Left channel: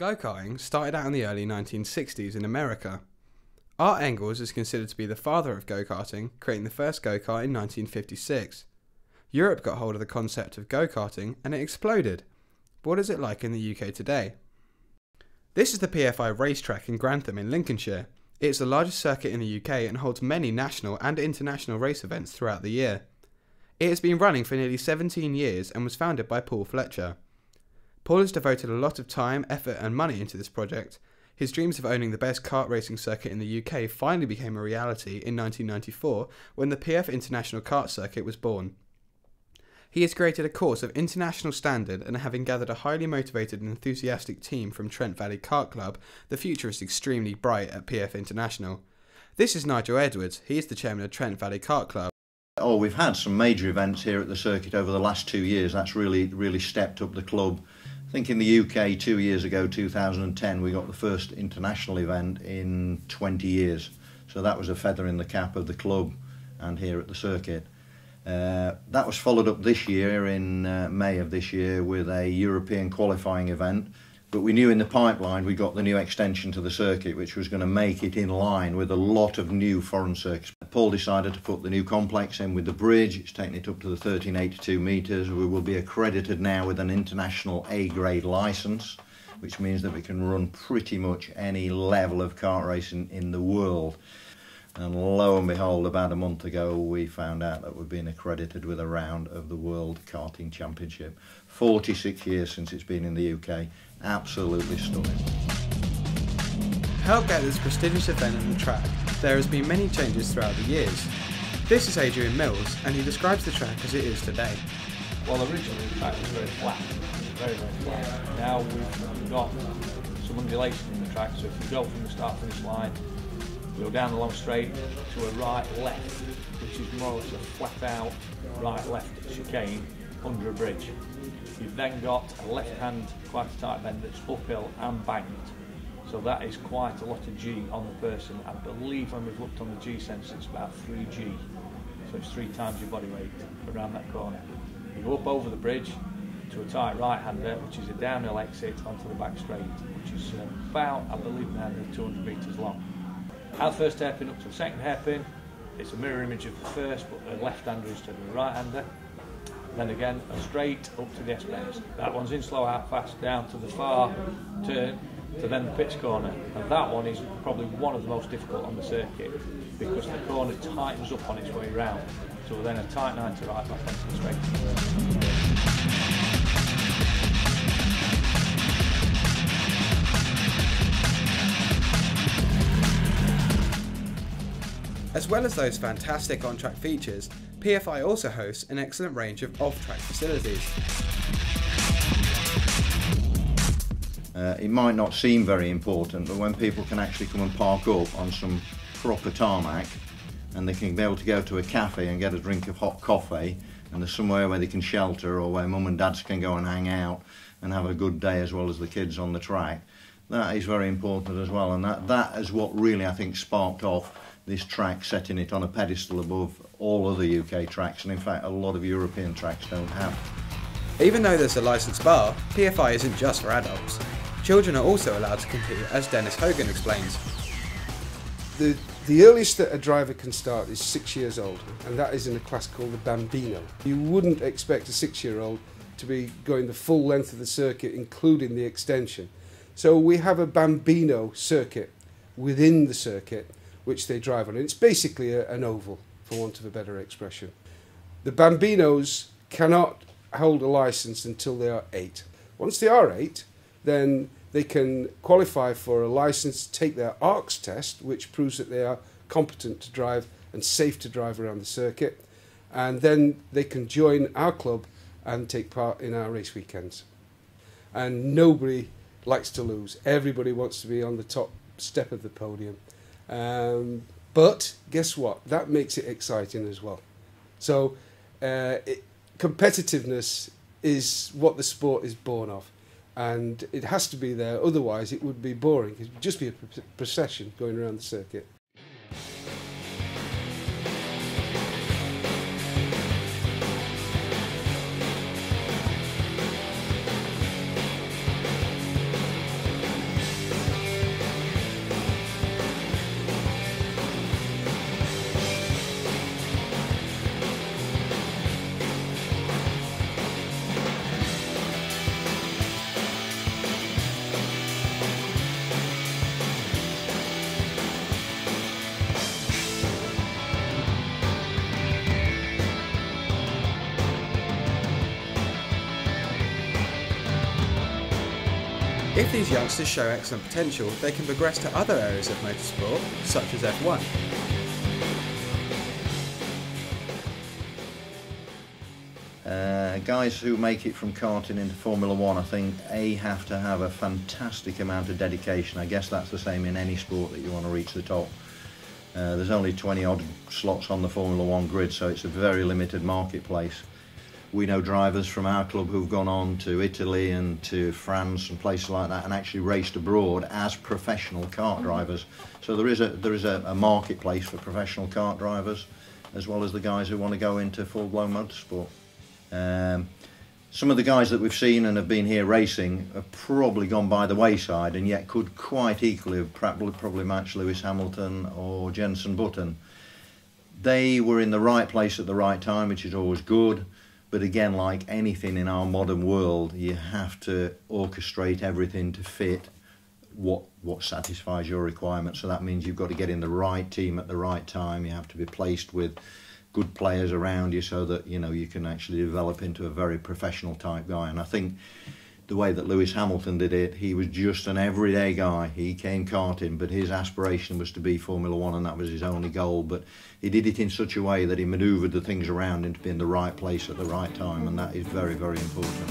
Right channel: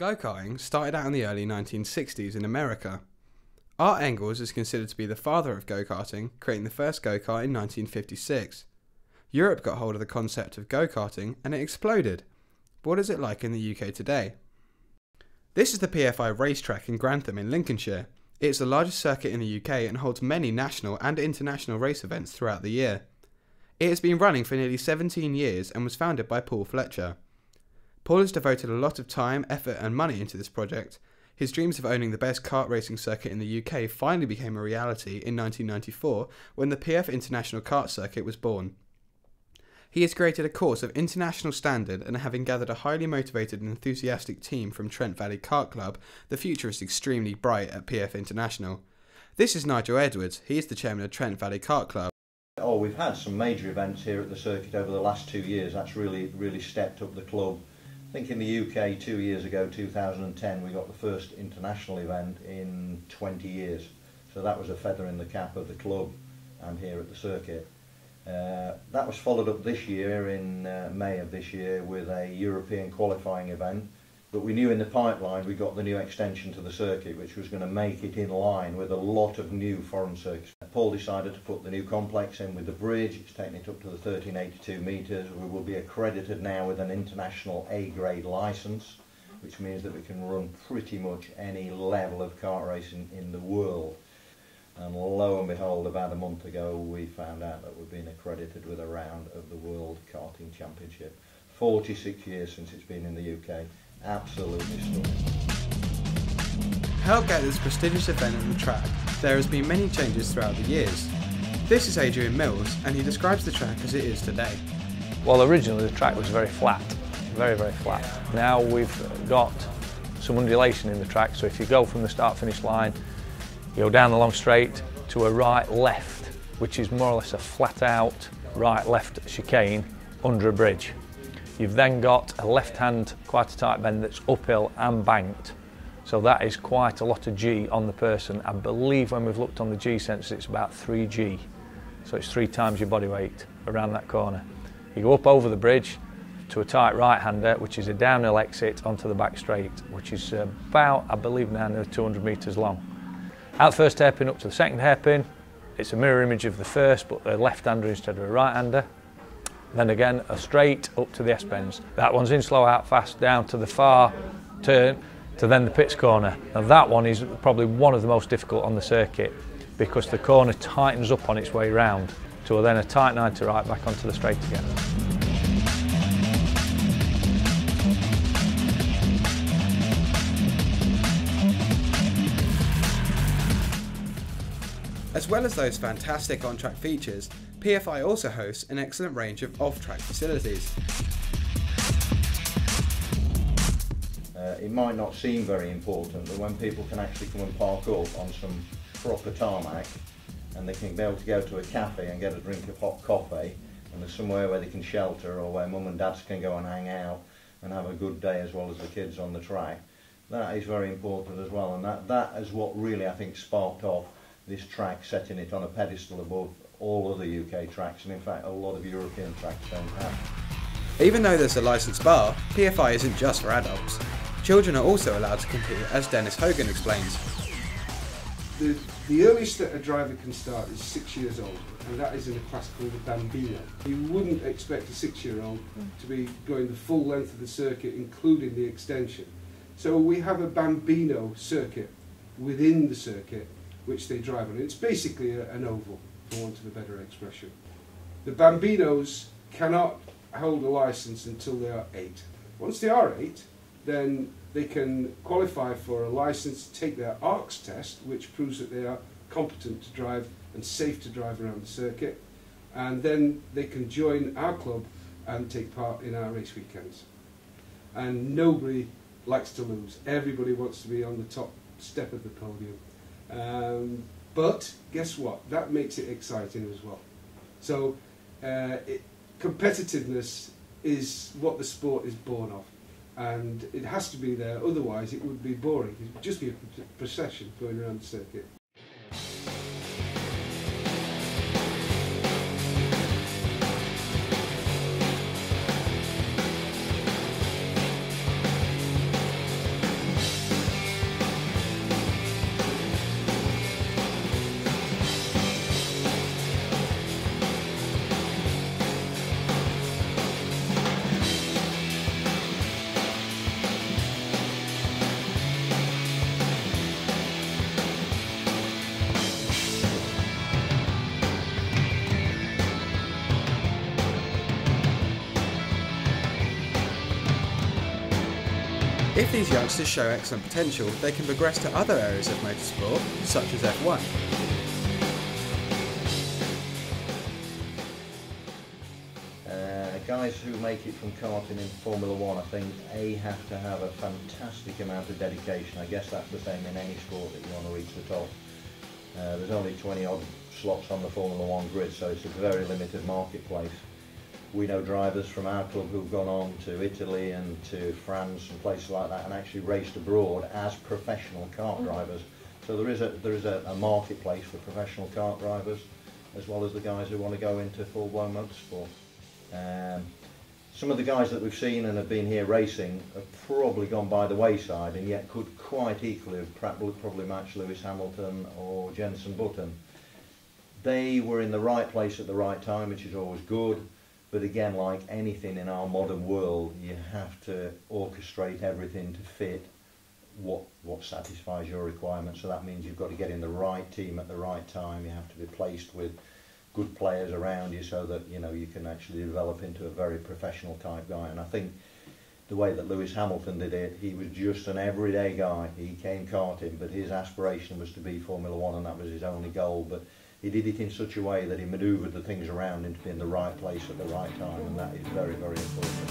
Go-karting started out in the early 1960s in America. Art Engels is considered to be the father of go-karting, creating the first go-kart in 1956. Europe got hold of the concept of go-karting and it exploded. But what is it like in the UK today? This is the PFI racetrack in Grantham in Lincolnshire. It is the largest circuit in the UK and holds many national and international race events throughout the year. It has been running for nearly 17 years and was founded by Paul Fletcher. Paul has devoted a lot of time, effort and money into this project. His dreams of owning the best kart racing circuit in the UK finally became a reality in 1994 when the PF International Kart Circuit was born. He has created a course of international standard, and having gathered a highly motivated and enthusiastic team from Trent Valley Kart Club, the future is extremely bright at PF International. This is Nigel Edwards. He is the chairman of Trent Valley Kart Club. Oh, we've had some major events here at the circuit over the last 2 years. That's really stepped up the club. I think in the UK 2 years ago, 2010, we got the first international event in 20 years. So that was a feather in the cap of the club and here at the circuit. That was followed up this year in May of this year with a European qualifying event. But we knew in the pipeline we got the new extension to the circuit, which was going to make it in line with a lot of new foreign circuits. Paul decided to put the new complex in with the bridge. It's taken it up to the 1382 metres. We will be accredited now with an international A-grade licence, which means that we can run pretty much any level of kart racing in the world. And lo and behold, about a month ago, we found out that we've been accredited with a round of the World Karting Championship. 46 years since it's been in the UK. Absolutely stunning. To help get this prestigious event on the track, there has been many changes throughout the years. This is Adrian Mills, and he describes the track as it is today. Well, originally the track was very flat, very flat. Now we've got some undulation in the track, so if you go from the start-finish line, you go down the long straight to a right-left, which is more or less a flat-out right-left chicane under a bridge. You've then got a left-hand, quite a tight bend that's uphill and banked. So that is quite a lot of G on the person. I believe when we've looked on the G sensor, it's about 3G. So it's 3 times your body weight around that corner. You go up over the bridge to a tight right-hander, which is a downhill exit onto the back straight, which is about, I believe now, nearly 200 metres long. Out the first hairpin up to the second hairpin, it's a mirror image of the first, but a left-hander instead of a right-hander. Then again, a straight up to the S-bends. That one's in slow, out fast, down to the far turn, to then the pits corner. Now that one is probably one of the most difficult on the circuit because the corner tightens up on its way round to then a tight 90 right back onto the straight again. As well as those fantastic on-track features, PFI also hosts an excellent range of off-track facilities. It might not seem very important, but when people can actually come and park up on some proper tarmac and they can be able to go to a cafe and get a drink of hot coffee, and there's somewhere where they can shelter or where mum and dads can go and hang out and have a good day as well as the kids on the track, that is very important as well, and that is what really I think sparked off this track, setting it on a pedestal above all other UK tracks, and in fact a lot of European tracks don't have. Even though there's a licensed bar, PFI isn't just for adults. Children are also allowed to compete, as Dennis Hogan explains. The earliest that a driver can start is 6 years old, and that is in a class called the Bambino. You wouldn't expect a 6-year-old to be going the full length of the circuit, including the extension. So we have a Bambino circuit within the circuit, which they drive on. It's basically an oval, for want of a better expression. The Bambinos cannot hold a licence until they are 8. Once they are 8, then they can qualify for a licence, take their ARCS test, which proves that they are competent to drive and safe to drive around the circuit, and then they can join our club and take part in our race weekends. And nobody likes to lose. Everybody wants to be on the top step of the podium. But guess what? That makes it exciting as well. So competitiveness is what the sport is born of, and it has to be there, otherwise it would be boring. It would just be a procession going around the circuit. If these youngsters show excellent potential, they can progress to other areas of motorsport, such as F1. Guys who make it from karting into Formula One, I think, have to have a fantastic amount of dedication. I guess that's the same in any sport that you want to reach the top. There's only 20 odd slots on the Formula One grid, so it's a very limited marketplace. We know drivers from our club who've gone on to Italy and to France and places like that and actually raced abroad as professional kart drivers. So there is a marketplace for professional kart drivers, as well as the guys who want to go into full-blown motorsport. Some of the guys that we've seen and have been here racing have probably gone by the wayside, and yet could quite equally have probably matched Lewis Hamilton or Jenson Button. They were in the right place at the right time, which is always good, but again, like anything in our modern world, you have to orchestrate everything to fit what satisfies your requirements. So that means you've got to get in the right team at the right time. You have to be placed with good players around you so that you can actually develop into a very professional type guy. And I think the way that Lewis Hamilton did it, he was just an everyday guy. He came karting, but his aspiration was to be Formula One, and that was his only goal. But he did it in such a way that he manoeuvred the things around him to be in the right place at the right time, and that is very, very important.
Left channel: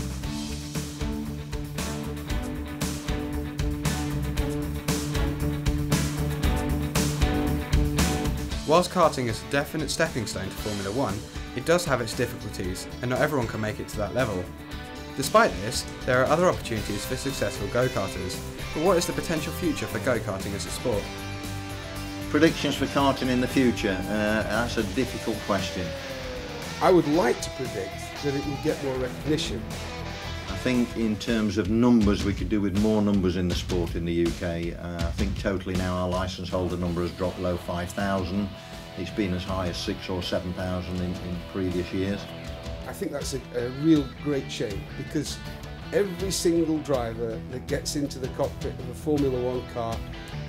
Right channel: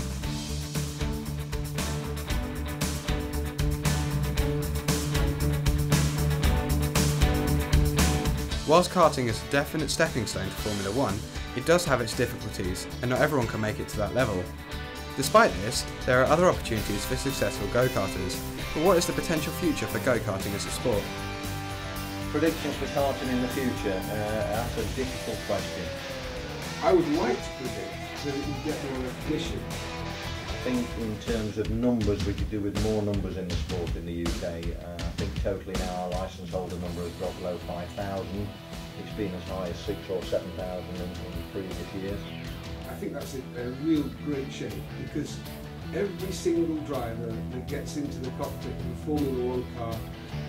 Whilst karting is a definite stepping stone to Formula One, it does have its difficulties, and not everyone can make it to that level. Despite this, there are other opportunities for successful go-karters, but what is the potential future for go-karting as a sport? Predictions for karting in the future? That's a difficult question. I would like to predict that it will get more recognition. I think in terms of numbers, we could do with more numbers in the sport in the UK. I think totally now our licence holder number has dropped below 5,000. It's been as high as 6,000 or 7,000 in previous years. I think that's a real great shame, because every single driver that gets into the cockpit of a Formula One car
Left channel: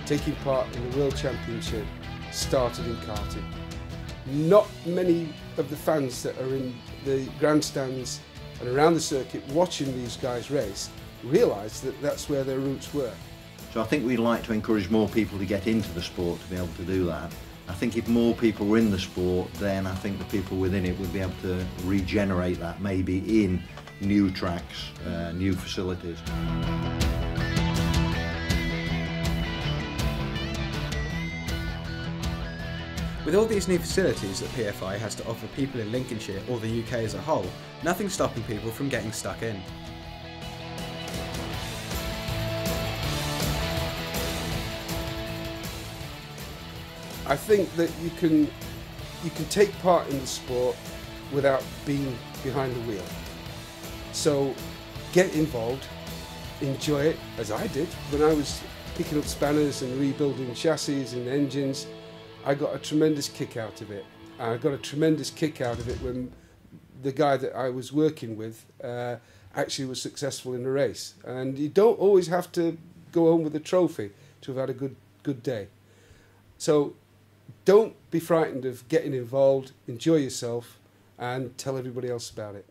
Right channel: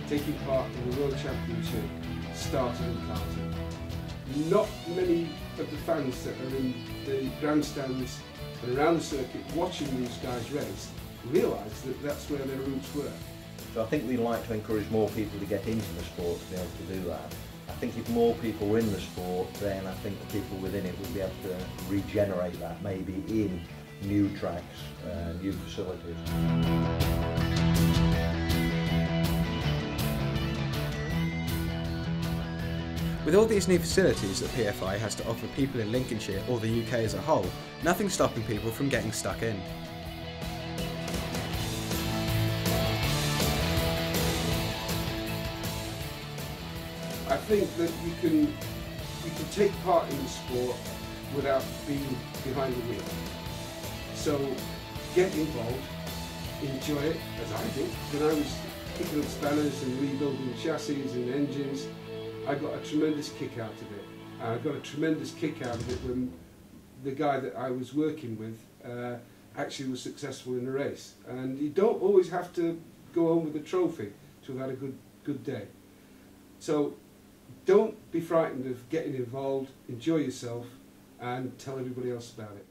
taking part in the World Championship started in karting. Not many of the fans that are in the grandstands and around the circuit watching these guys race realise that that's where their roots were. So I think we'd like to encourage more people to get into the sport to be able to do that. I think if more people were in the sport, then I think the people within it would be able to regenerate that, maybe in new tracks, new facilities. With all these new facilities that PFI has to offer people in Lincolnshire or the UK as a whole, nothing's stopping people from getting stuck in. I think that you can take part in the sport without being behind the wheel. So get involved, enjoy it, as I did. When I was picking up spanners and rebuilding chassis and engines, I got a tremendous kick out of it. I got a tremendous kick out of it when the guy that I was working with actually was successful in a race. And you don't always have to go home with a trophy to have had a good day. So don't be frightened of getting involved, enjoy yourself, and tell everybody else about it.